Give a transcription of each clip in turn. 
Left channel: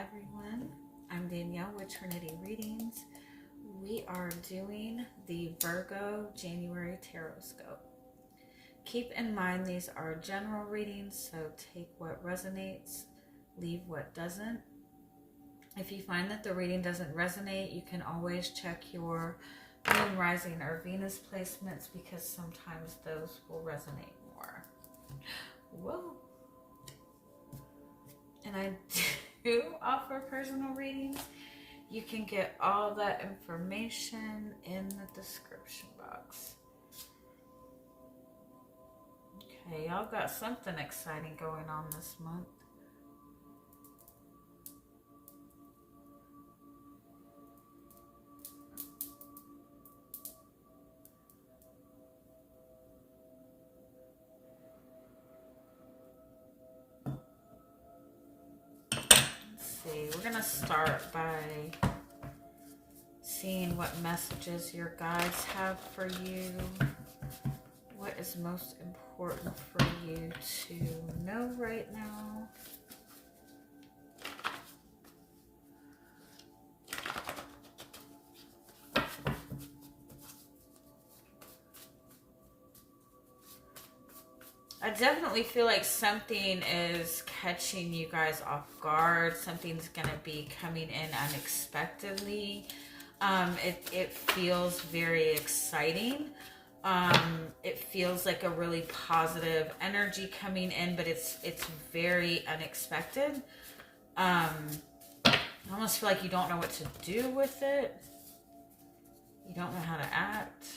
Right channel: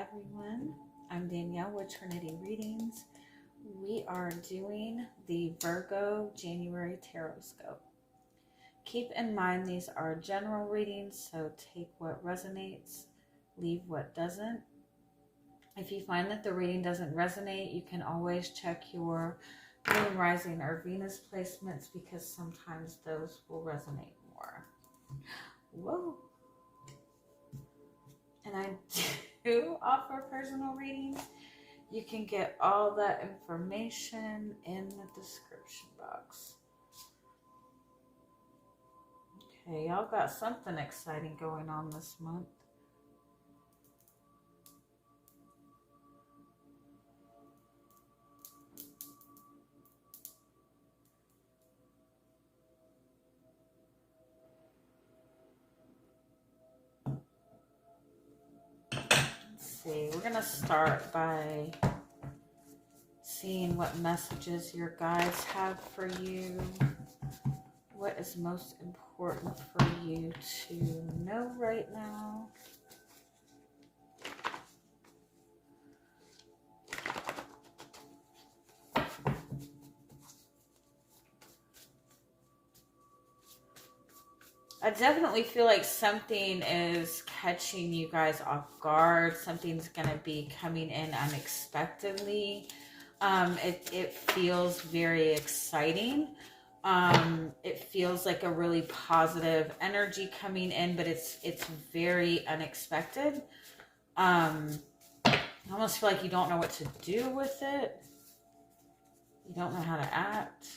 everyone, I'm Danielle with Trinity Readings. We are doing the Virgo January Tarotscope. Keep in mind these are general readings, so take what resonates, leave what doesn't. If you find that the reading doesn't resonate, you can always check your Moon, Rising, or Venus placements because sometimes those will resonate more. Whoa! And I do offer personal readings. You can get all that information in the description box. Okay, y'all got something exciting going on this month. We're going to start by seeing what messages your guides have for you. What is most important for you to know right now? I definitely feel like something is catching you guys off guard. Something's going to be coming in unexpectedly. It feels very exciting. It feels like a really positive energy coming in, but it's very unexpected. I almost feel like you don't know what to do with it. You don't know how to act.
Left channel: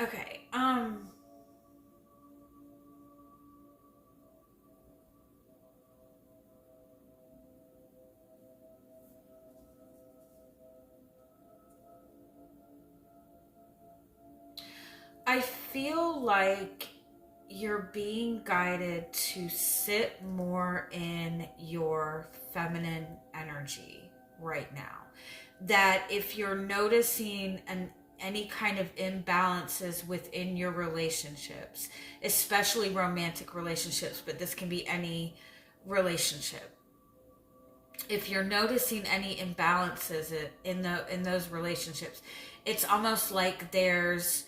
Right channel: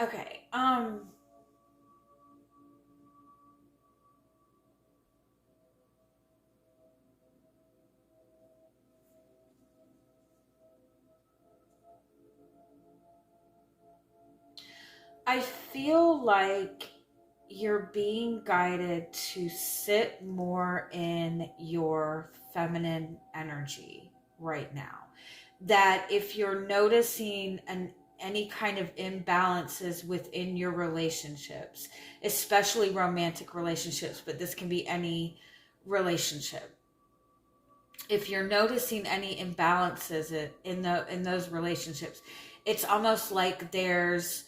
Okay, I feel like you're being guided to sit more in your feminine energy right now. That if you're noticing any kind of imbalances within your relationships, especially romantic relationships, but this can be any relationship. If you're noticing any imbalances in those relationships, it's almost like there's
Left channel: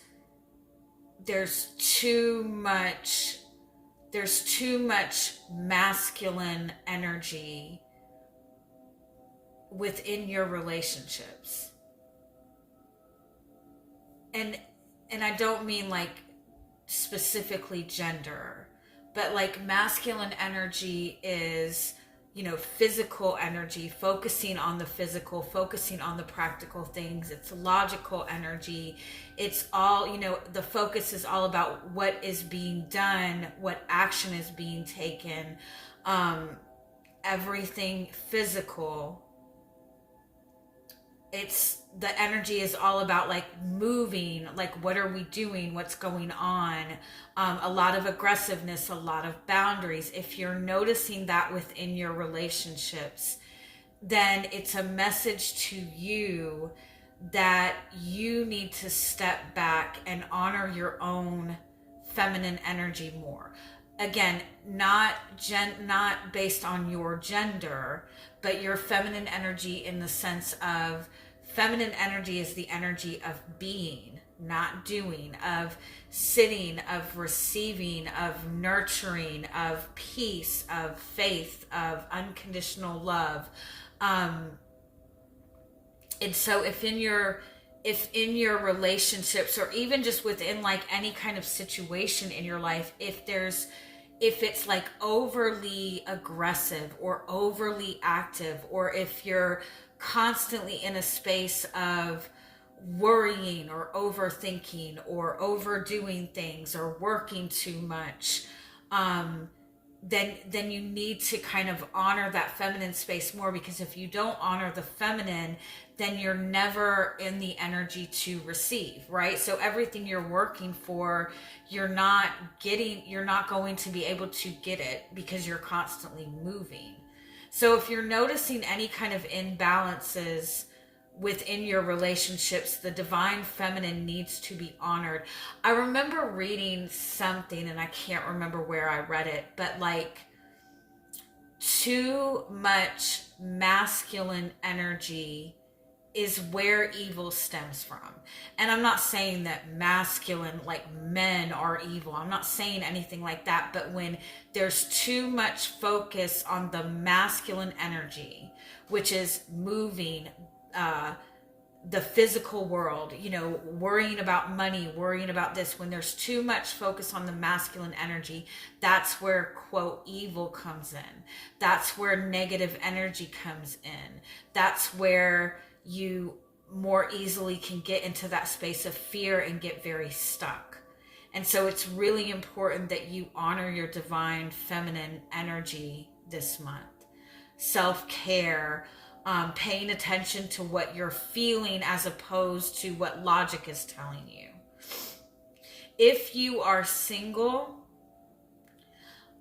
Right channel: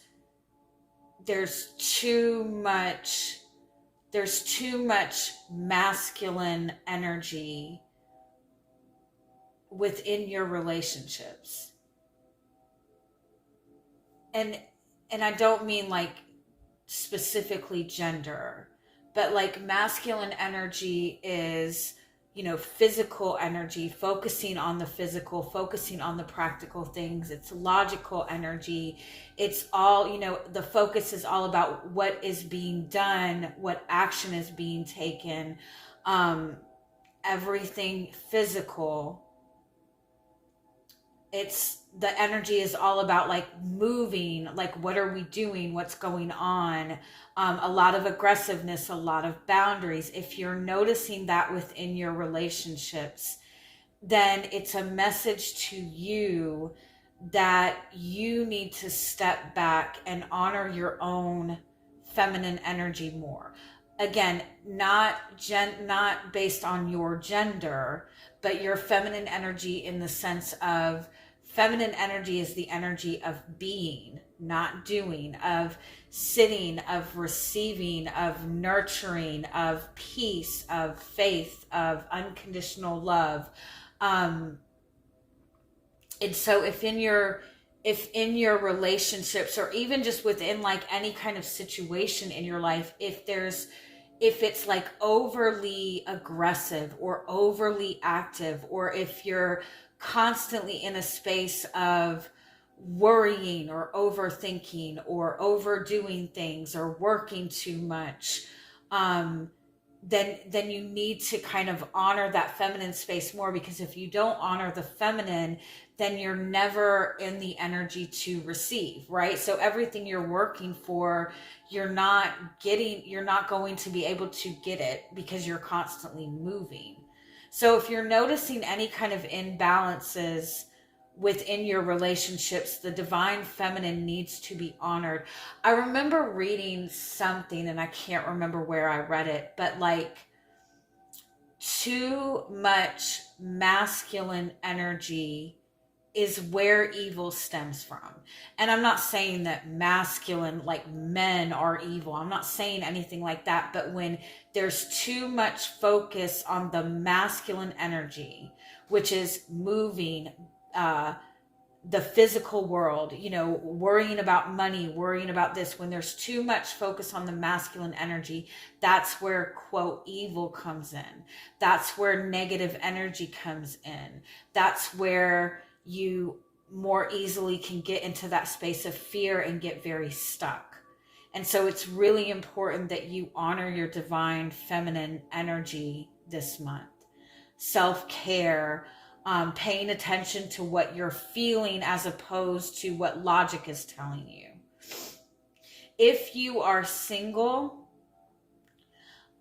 too much masculine energy within your relationships. And I don't mean like specifically gender, but like masculine energy is, physical energy, focusing on the physical, focusing on the practical things. It's logical energy. It's all, the focus is all about what is being done, what action is being taken, everything physical. The energy is all about like moving, like what are we doing, what's going on, a lot of aggressiveness, a lot of boundaries. If you're noticing that within your relationships, then it's a message to you that you need to step back and honor your own feminine energy more. Again, not based on your gender, but your feminine energy in the sense of feminine energy is the energy of being, not doing, of sitting, of receiving, of nurturing, of peace, of faith, of unconditional love. And so if in your relationships, or even just within like any kind of situation in your life, if it's like overly aggressive or overly active, or if you're constantly in a space of worrying or overthinking or overdoing things or working too much, then you need to kind of honor that feminine space more, because if you don't honor the feminine, then you're never in the energy to receive, right? So everything you're working for, you're not going to be able to get it, because you're constantly moving. So if you're noticing any kind of imbalances within your relationships, the divine feminine needs to be honored. I remember reading something, and I can't remember where I read it, but like, too much masculine energy is where evil stems from. And I'm not saying that masculine, like men, are evil. I'm not saying anything like that. But when there's too much focus on the masculine energy, which is moving, the physical world, worrying about money, worrying about this, when there's too much focus on the masculine energy, that's where, quote, evil comes in. That's where negative energy comes in. That's where you more easily can get into that space of fear and get very stuck. And so it's really important that you honor your divine feminine energy this month. Self-care, paying attention to what you're feeling as opposed to what logic is telling you. If you are single,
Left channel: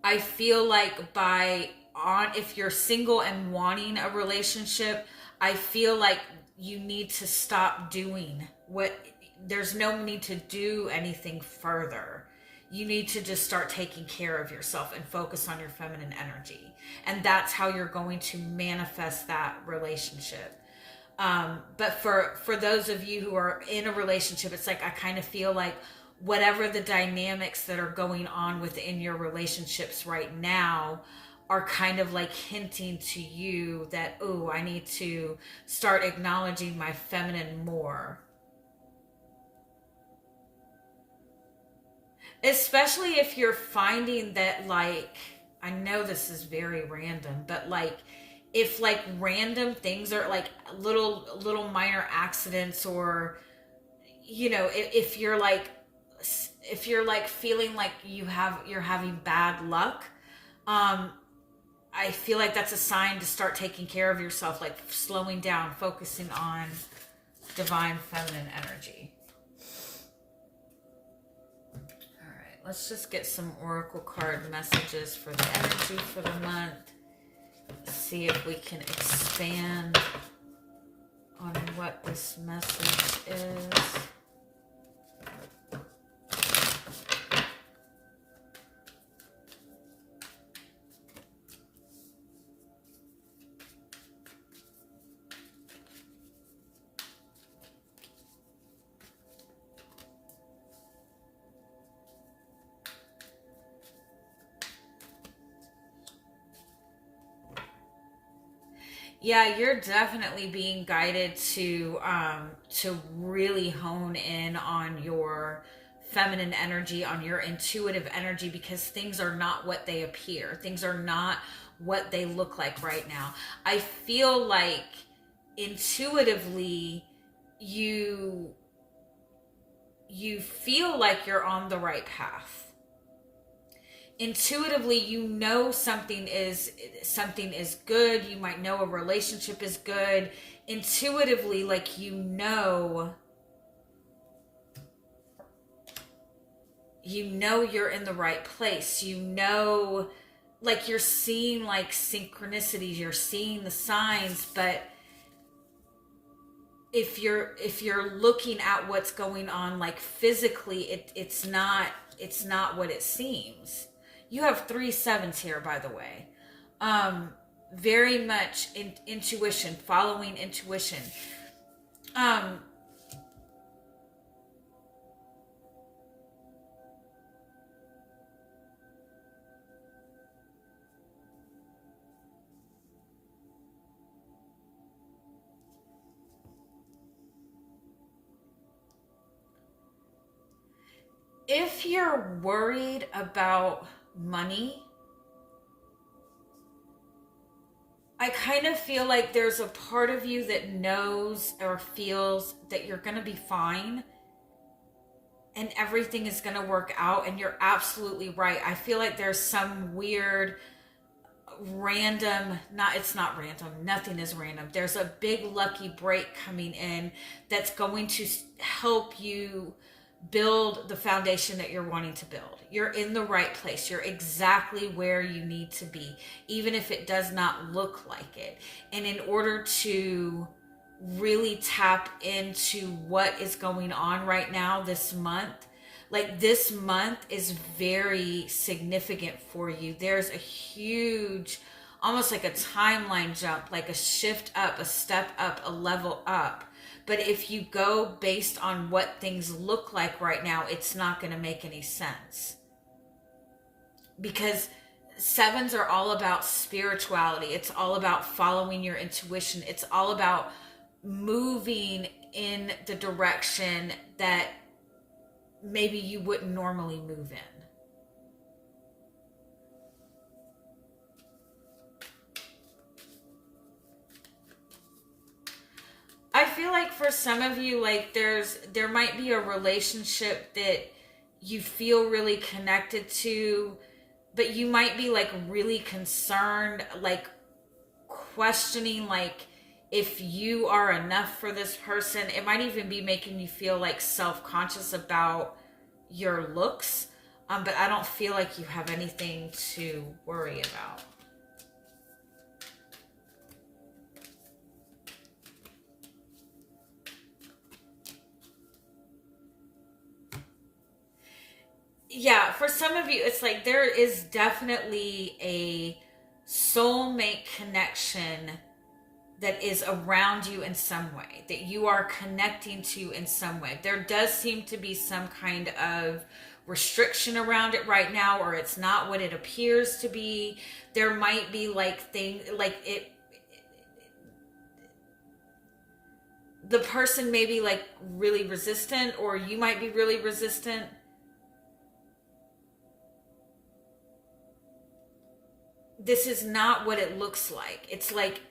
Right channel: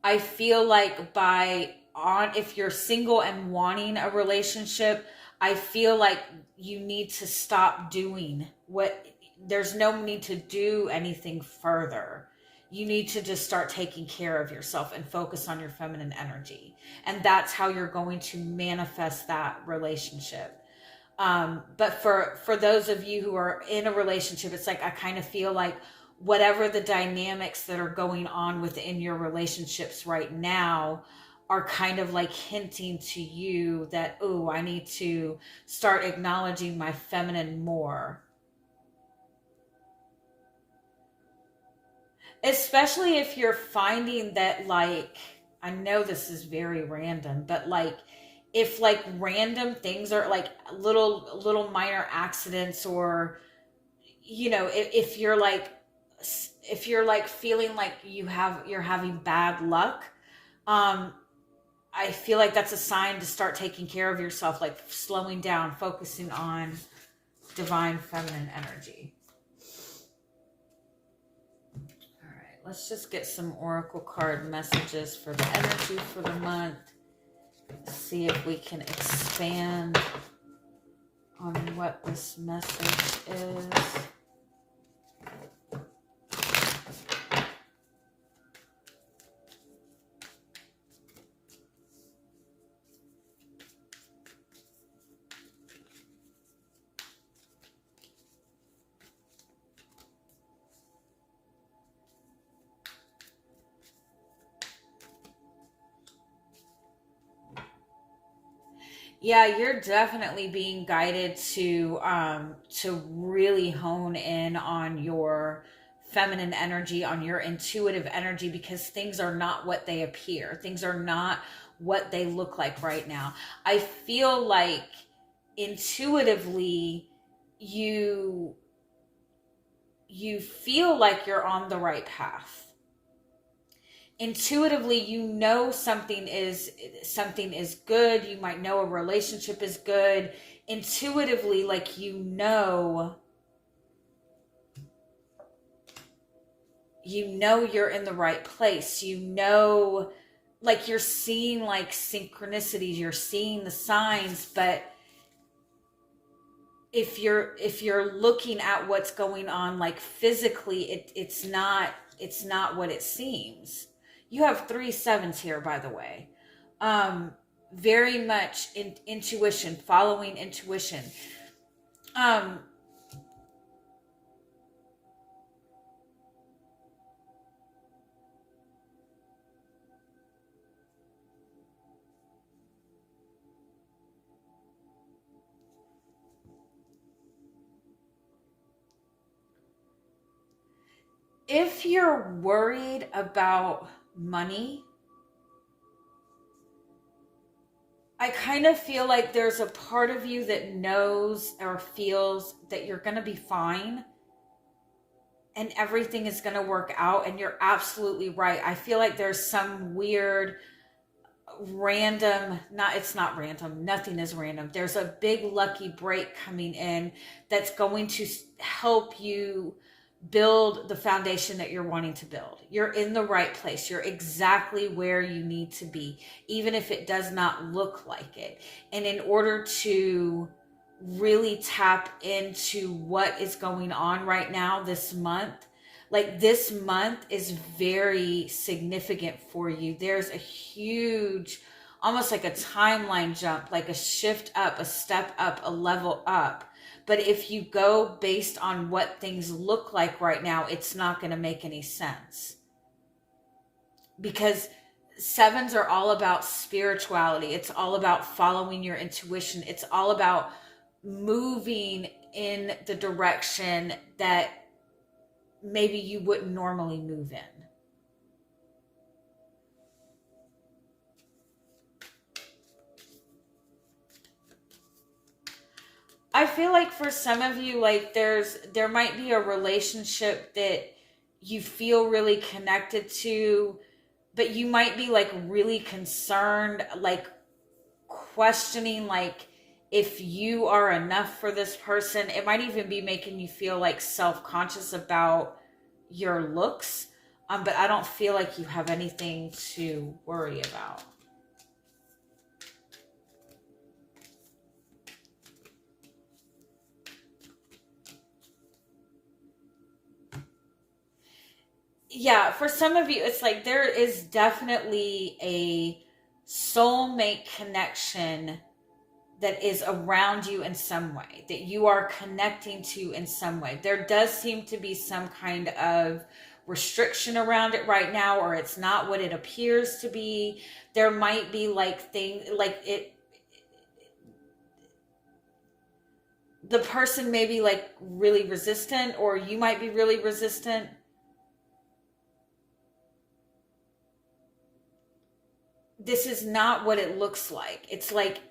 I feel like if you're single and wanting a relationship, I feel like you need to stop doing there's no need to do anything further. You need to just start taking care of yourself and focus on your feminine energy. And that's how you're going to manifest that relationship. But for those of you who are in a relationship, it's like, I kind of feel like whatever the dynamics that are going on within your relationships right now are kind of like hinting to you that, oh, I need to start acknowledging my feminine more. Especially if you're finding that, like, I know this is very random, but like, if like random things are like little minor accidents, or, if you're like feeling like you're having bad luck, I feel like that's a sign to start taking care of yourself, like slowing down, focusing on divine feminine energy. Let's just get some oracle card messages for the energy for the month. See if we can expand on what this message is. Yeah, you're definitely being guided to really hone in on your feminine energy, on your intuitive energy, because things are not what they appear. Things are not what they look like right now. I feel like intuitively you feel like you're on the right path. Intuitively, something is good. You might know a relationship is good. Intuitively, like, you're in the right place. Like, you're seeing like synchronicities, you're seeing the signs, but if you're looking at what's going on like physically, it's not what it seems. You have 3 7s here, by the way. Very much intuition, following intuition. if you're worried about money, I kind of feel like there's a part of you that knows or feels that you're going to be fine and everything is going to work out. And you're absolutely right. I feel like there's some weird random, it's not random, nothing is random. There's a big lucky break coming in that's going to help you build the foundation that you're wanting to build. You're in the right place. You're exactly where you need to be, even if it does not look like it. And in order to really tap into what is going on right now this month, like this month is very significant for you. There's a huge, almost like a timeline jump, like a shift up, a step up, a level up. But if you go based on what things look like right now, it's not going to make any sense. Because sevens are all about spirituality. It's all about following your intuition. It's all about moving in the direction that maybe you wouldn't normally move in. I feel like for some of you, like there might be a relationship that you feel really connected to, but you might be like really concerned, like questioning like if you are enough for this person. It might even be making you feel like self-conscious about your looks, but I don't feel like you have anything to worry about. Yeah, for some of you, it's like there is definitely a soulmate connection that is around you in some way, that you are connecting to in some way. There does seem to be some kind of restriction around it right now, or it's not what it appears to be. There might be like things like it. The person may be like really resistant, or you might be really resistant. This is not what it looks like. It's like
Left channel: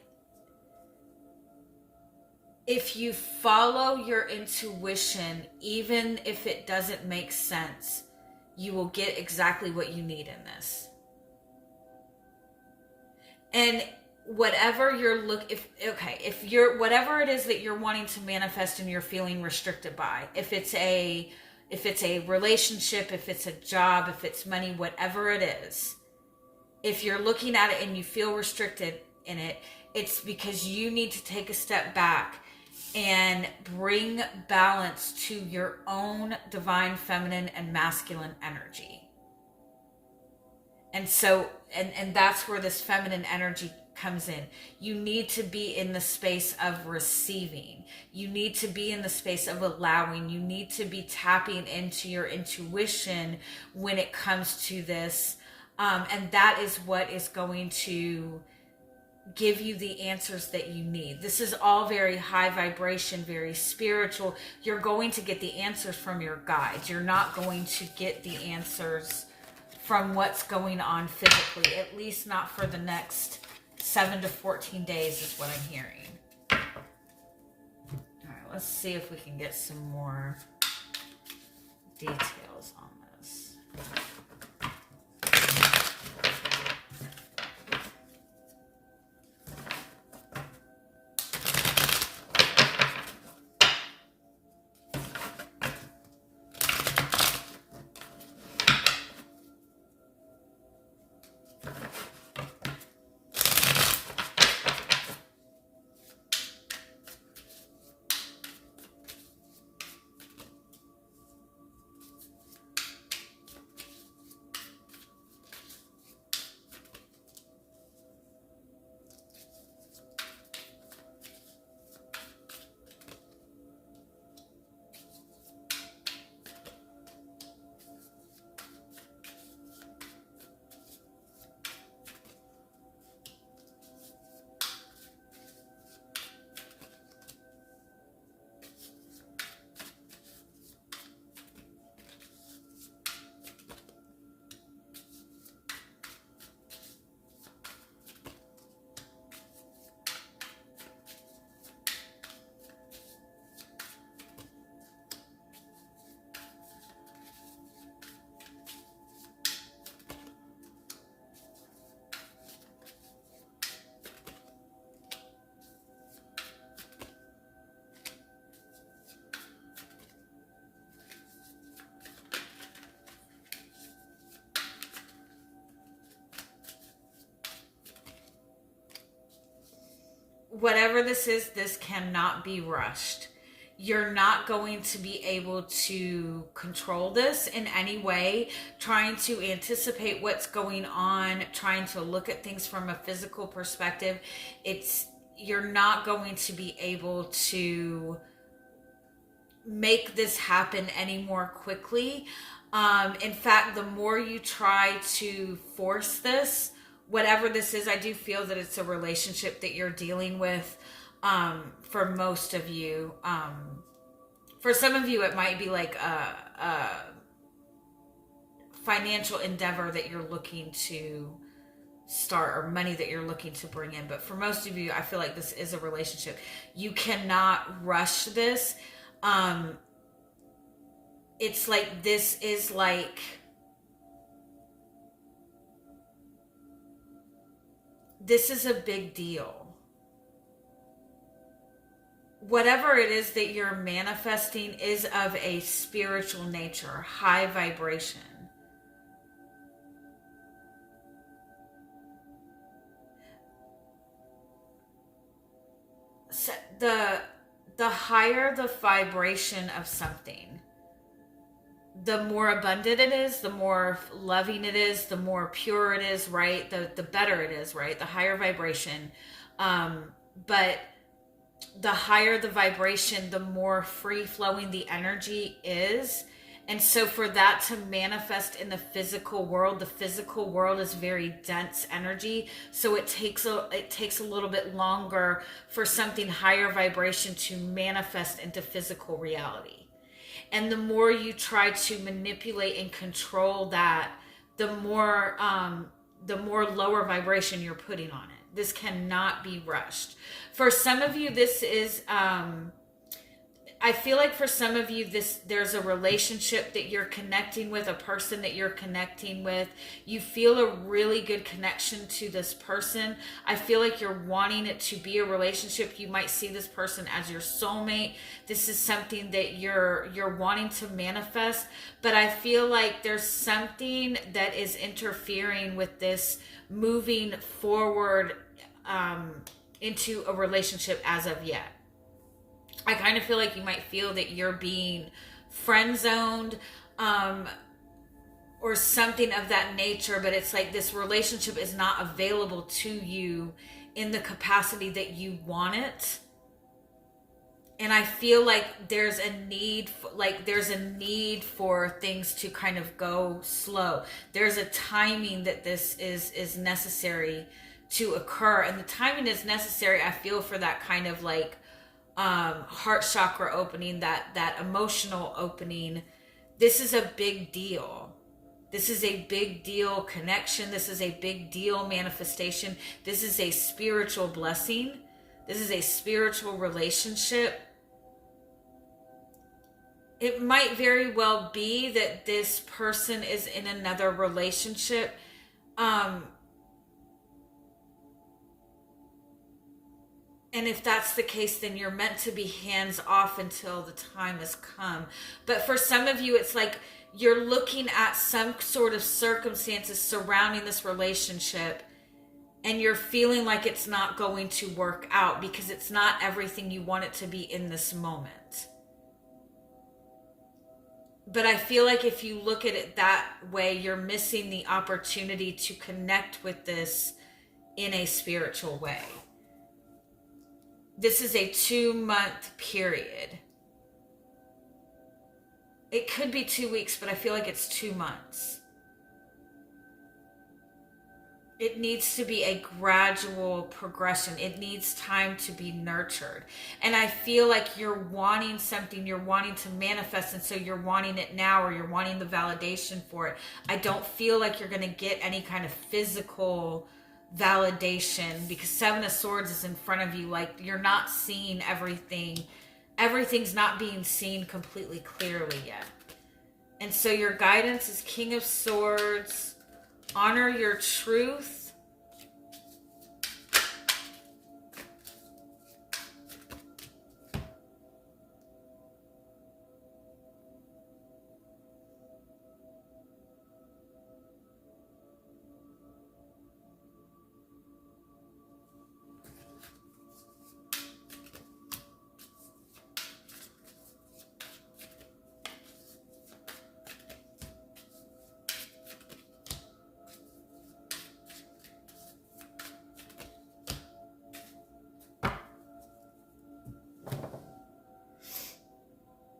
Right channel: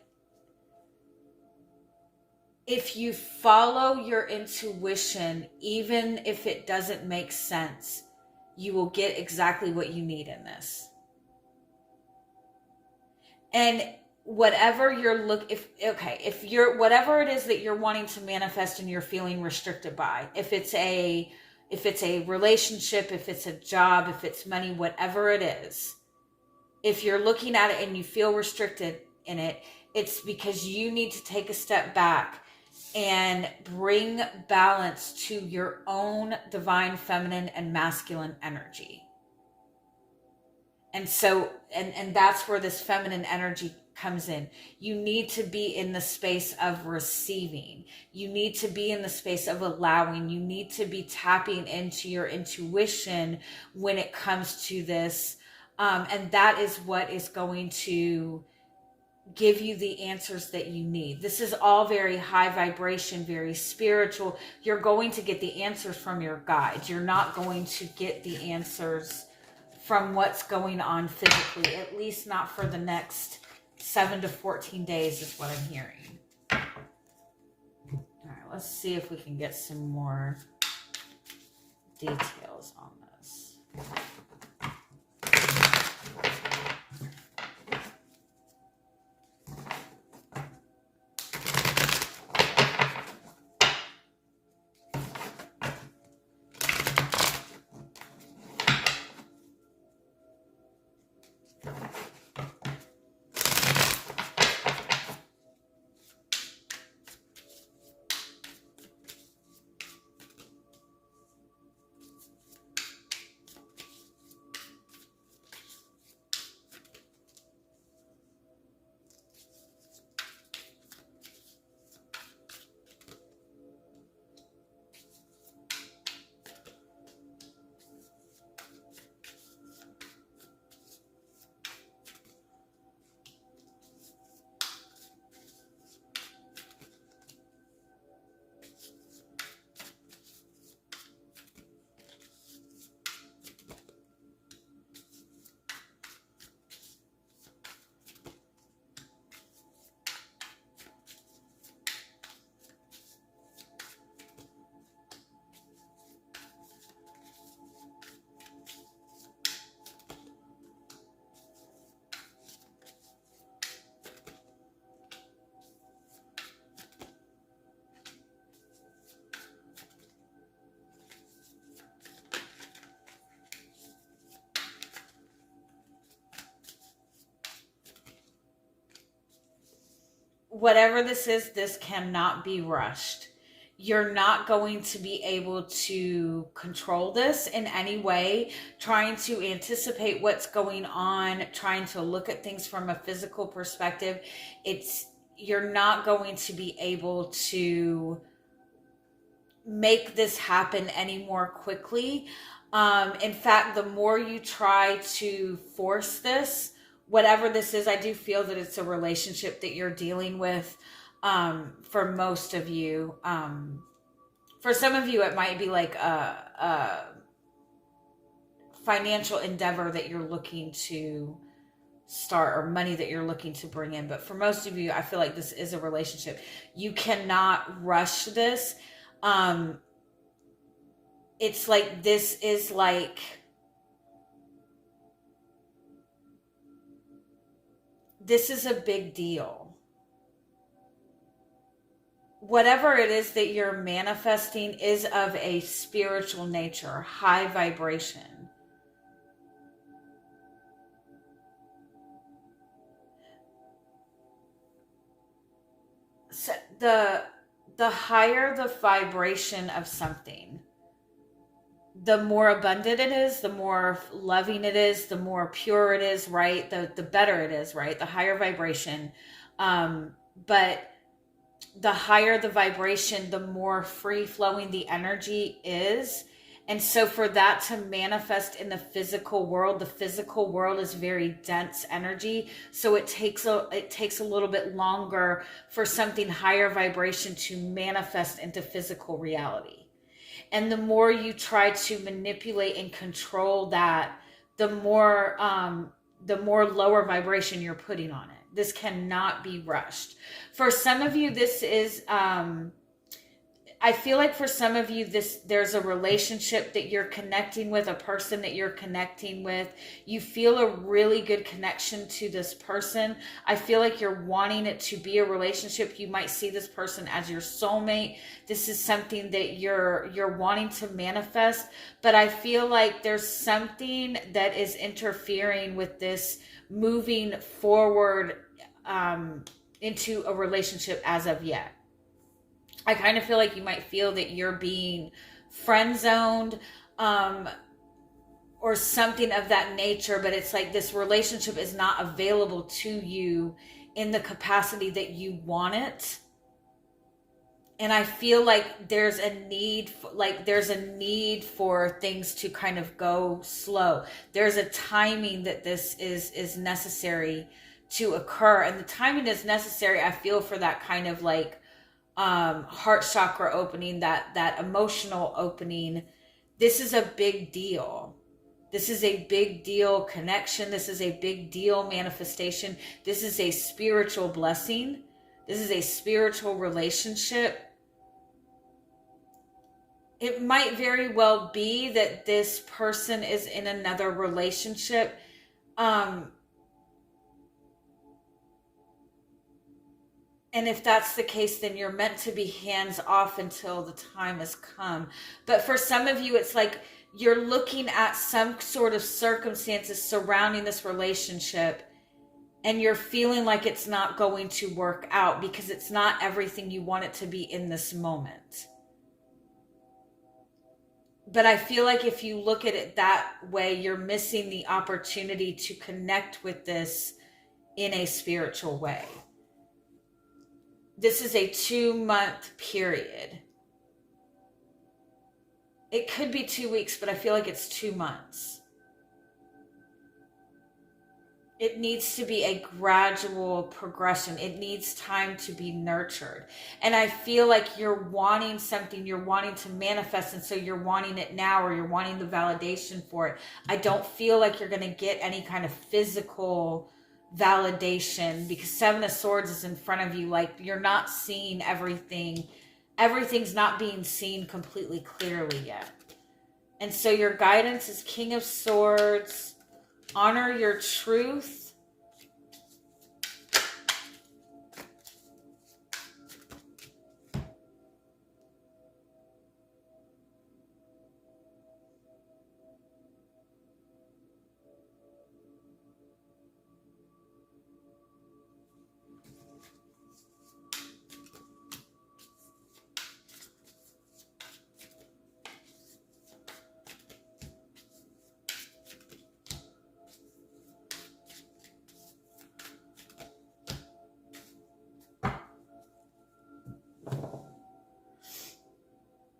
if you follow your intuition, even if it doesn't make sense, you will get exactly what you need in this. And whatever you're if you're whatever it is that you're wanting to manifest and you're feeling restricted by, if it's a relationship, if it's a job, if it's money, whatever it is, if you're looking at it and you feel restricted in it, it's because you need to take a step back and bring balance to your own divine feminine and masculine energy. And so, and that's where this feminine energy comes in. You need to be in the space of receiving. You need to be in the space of allowing. You need to be tapping into your intuition when it comes to this. And that is what is going to give you the answers that you need. This is all very high vibration, very spiritual. You're going to get the answers from your guides. You're not going to get the answers from what's going on physically, at least not for the next 7 to 14 days is what I'm hearing. All right, let's see if we can get some more details on this. whatever this is, this cannot be rushed. You're not going to be able to control this in any way, trying to anticipate what's going on, trying to look at things from a physical perspective. You're not going to be able to make this happen any more quickly. In fact, the more you try to force this, whatever this is, I do feel that it's a relationship that you're dealing with. For most of you, for some of you, it might be like a financial endeavor that you're looking to start, or money that you're looking to bring in. But for most of you, I feel like this is a relationship. You cannot rush this. It's like, this is like, this is a big deal. Whatever it is that you're manifesting is of a spiritual nature, high vibration. So the higher the vibration of something, the more abundant it is, the more loving it is, the more pure it is, right? The better it is, right? The higher vibration. But the higher the vibration, the more free flowing the energy is. And so for that to manifest in the physical world is very dense energy. So it takes a little bit longer for something higher vibration to manifest into physical reality. And the more you try to manipulate and control that, the more lower vibration you're putting on it. This cannot be rushed. For some of you, this is, I feel like for some of you, there's a relationship that you're connecting with, a person that you're connecting with. You feel a really good connection to this person. I feel like you're wanting it to be a relationship. You might see this person as your soulmate. This is something that you're wanting to manifest. But I feel like there's something that is interfering with this moving forward into a relationship as of yet. I kind of feel like you might feel that you're being friend zoned, or something of that nature, but it's like this relationship is not available to you in the capacity that you want it. And I feel like there's a need for things to kind of go slow. There's a timing that this is necessary to occur. And the timing is necessary, I feel, for that kind of like heart chakra opening, that emotional opening. This is a big deal. This is a big deal connection. This is a big deal manifestation. This is a spiritual blessing. This is a spiritual relationship. It might very well be that this person is in another relationship. And if that's the case, then you're meant to be hands off until the time has come. But for some of you, it's like you're looking at some sort of circumstances surrounding this relationship, and you're feeling like it's not going to work out because it's not everything you want it to be in this moment. But I feel like if you look at it that way, you're missing the opportunity to connect with this in a spiritual way. This is a 2-month period. It could be 2 weeks, but I feel like it's 2 months. It needs to be a gradual progression. It needs time to be nurtured. And I feel like you're wanting something, you're wanting to manifest, and so you're wanting it now, or you're wanting the validation for it. I don't feel like you're going to get any kind of physical validation because 7 of Swords is in front of you. Like, you're not seeing everything. Everything's not being seen completely clearly yet. And so your guidance is King of Swords. Honor your truth.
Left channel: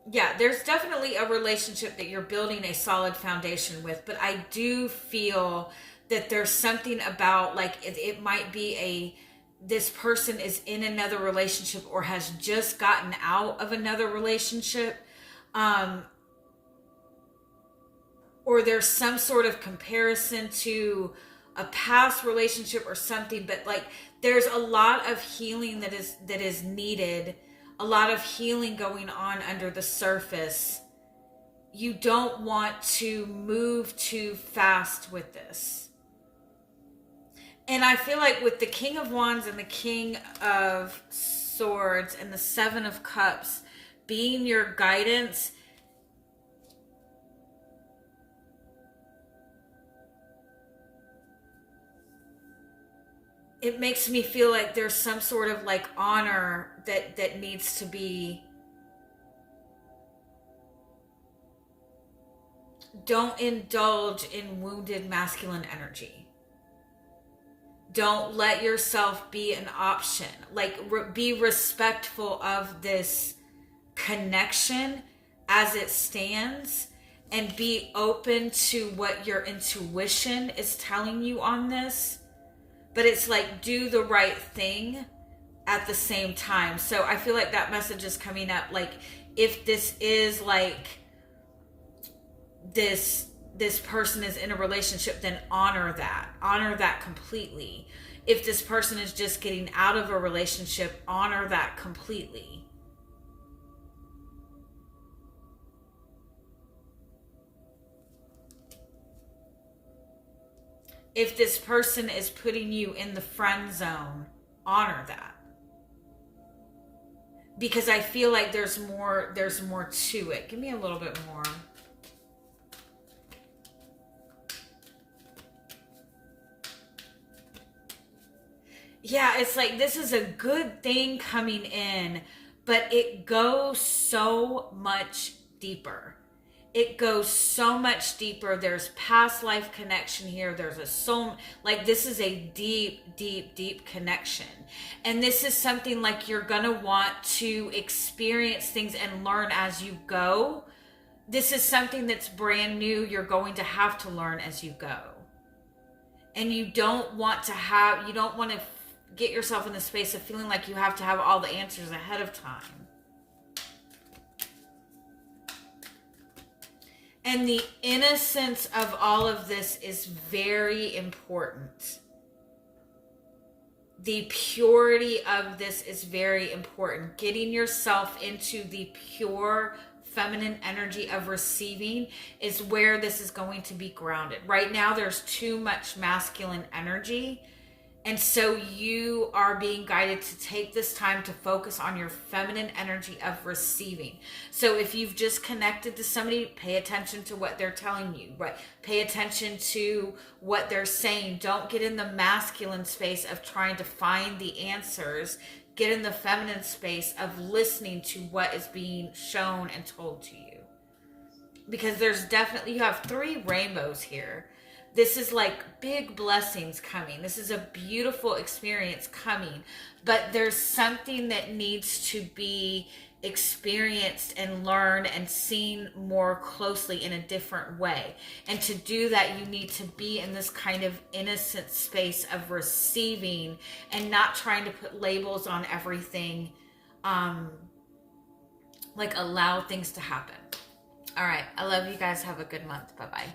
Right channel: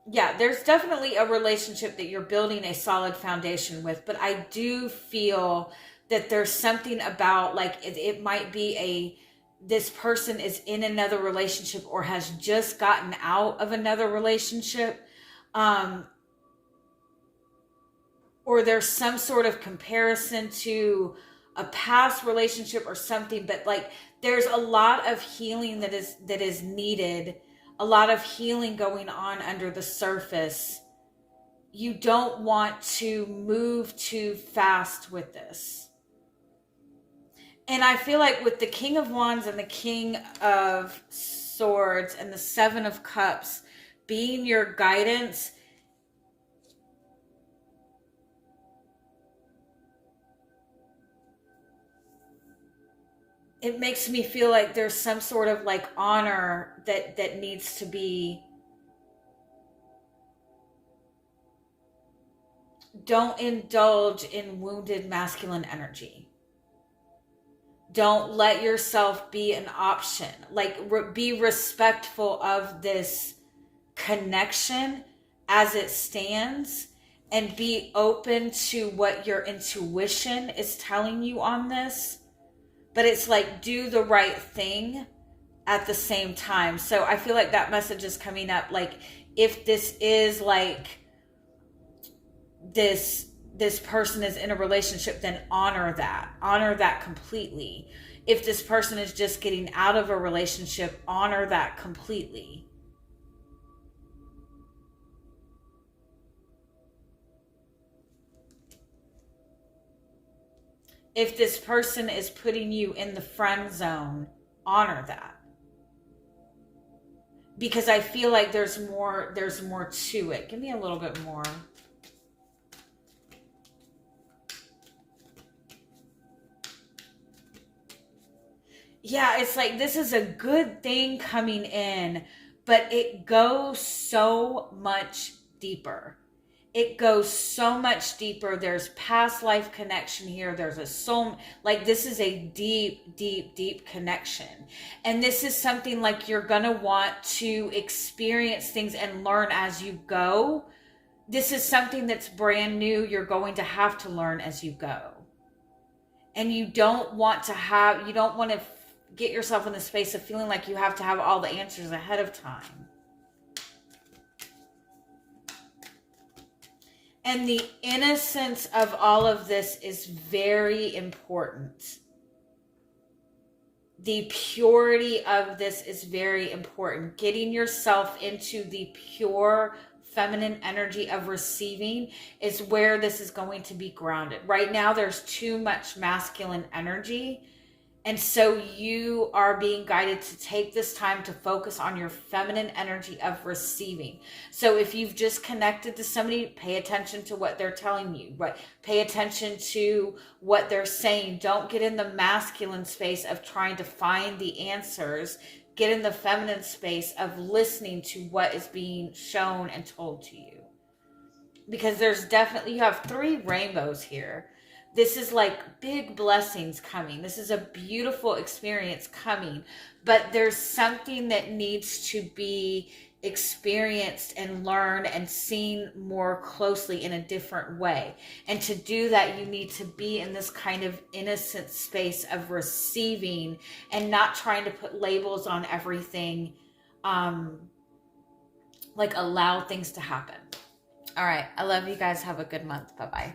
Yeah, there's definitely a relationship that you're building a solid foundation with, but I do feel that there's something about like it might be this person is in another relationship or has just gotten out of another relationship, um, or there's some sort of comparison to a past relationship or something, but like there's a lot of healing that is needed, a lot of healing going on under the surface. You don't want to move too fast with this. And I feel like with the King of Wands and the King of Swords and the Seven of Cups being your guidance, it makes me feel like there's some sort of like honor that needs to be. Don't indulge in wounded masculine energy. Don't let yourself be an option. Like, be respectful of this connection as it stands, and be open to what your intuition is telling you on this. But it's like, do the right thing at the same time. So I feel like that message is coming up. Like, if this is like this person is in a relationship, then honor that completely. If this person is just getting out of a relationship, honor that completely. If this person is putting you in the friend zone, honor that. Because I feel like there's more to it. Give me a little bit more. Yeah, it's like this is a good thing coming in, but it goes so much deeper. It goes so much deeper. There's past life connection here. There's a soul. Like, this is a deep, deep, deep connection. And this is something like you're going to want to experience things and learn as you go. This is something that's brand new. You're going to have to learn as you go. And you don't want to get yourself in the space of feeling like you have to have all the answers ahead of time. And the innocence of all of this is very important. The purity of this is very important. Getting yourself into the pure feminine energy of receiving is where this is going to be grounded. Right now, there's too much masculine energy. And so you are being guided to take this time to focus on your feminine energy of receiving. So if you've just connected to somebody, pay attention to what they're telling you, right? Pay attention to what they're saying. Don't get in the masculine space of trying to find the answers. Get in the feminine space of listening to what is being shown and told to you. Because you have 3 rainbows here. This is like big blessings coming. This is a beautiful experience coming. But there's something that needs to be experienced and learned and seen more closely in a different way. And to do that, you need to be in this kind of innocent space of receiving and not trying to put labels on everything. Like, allow things to happen. All right. I love you guys. Have a good month. Bye-bye.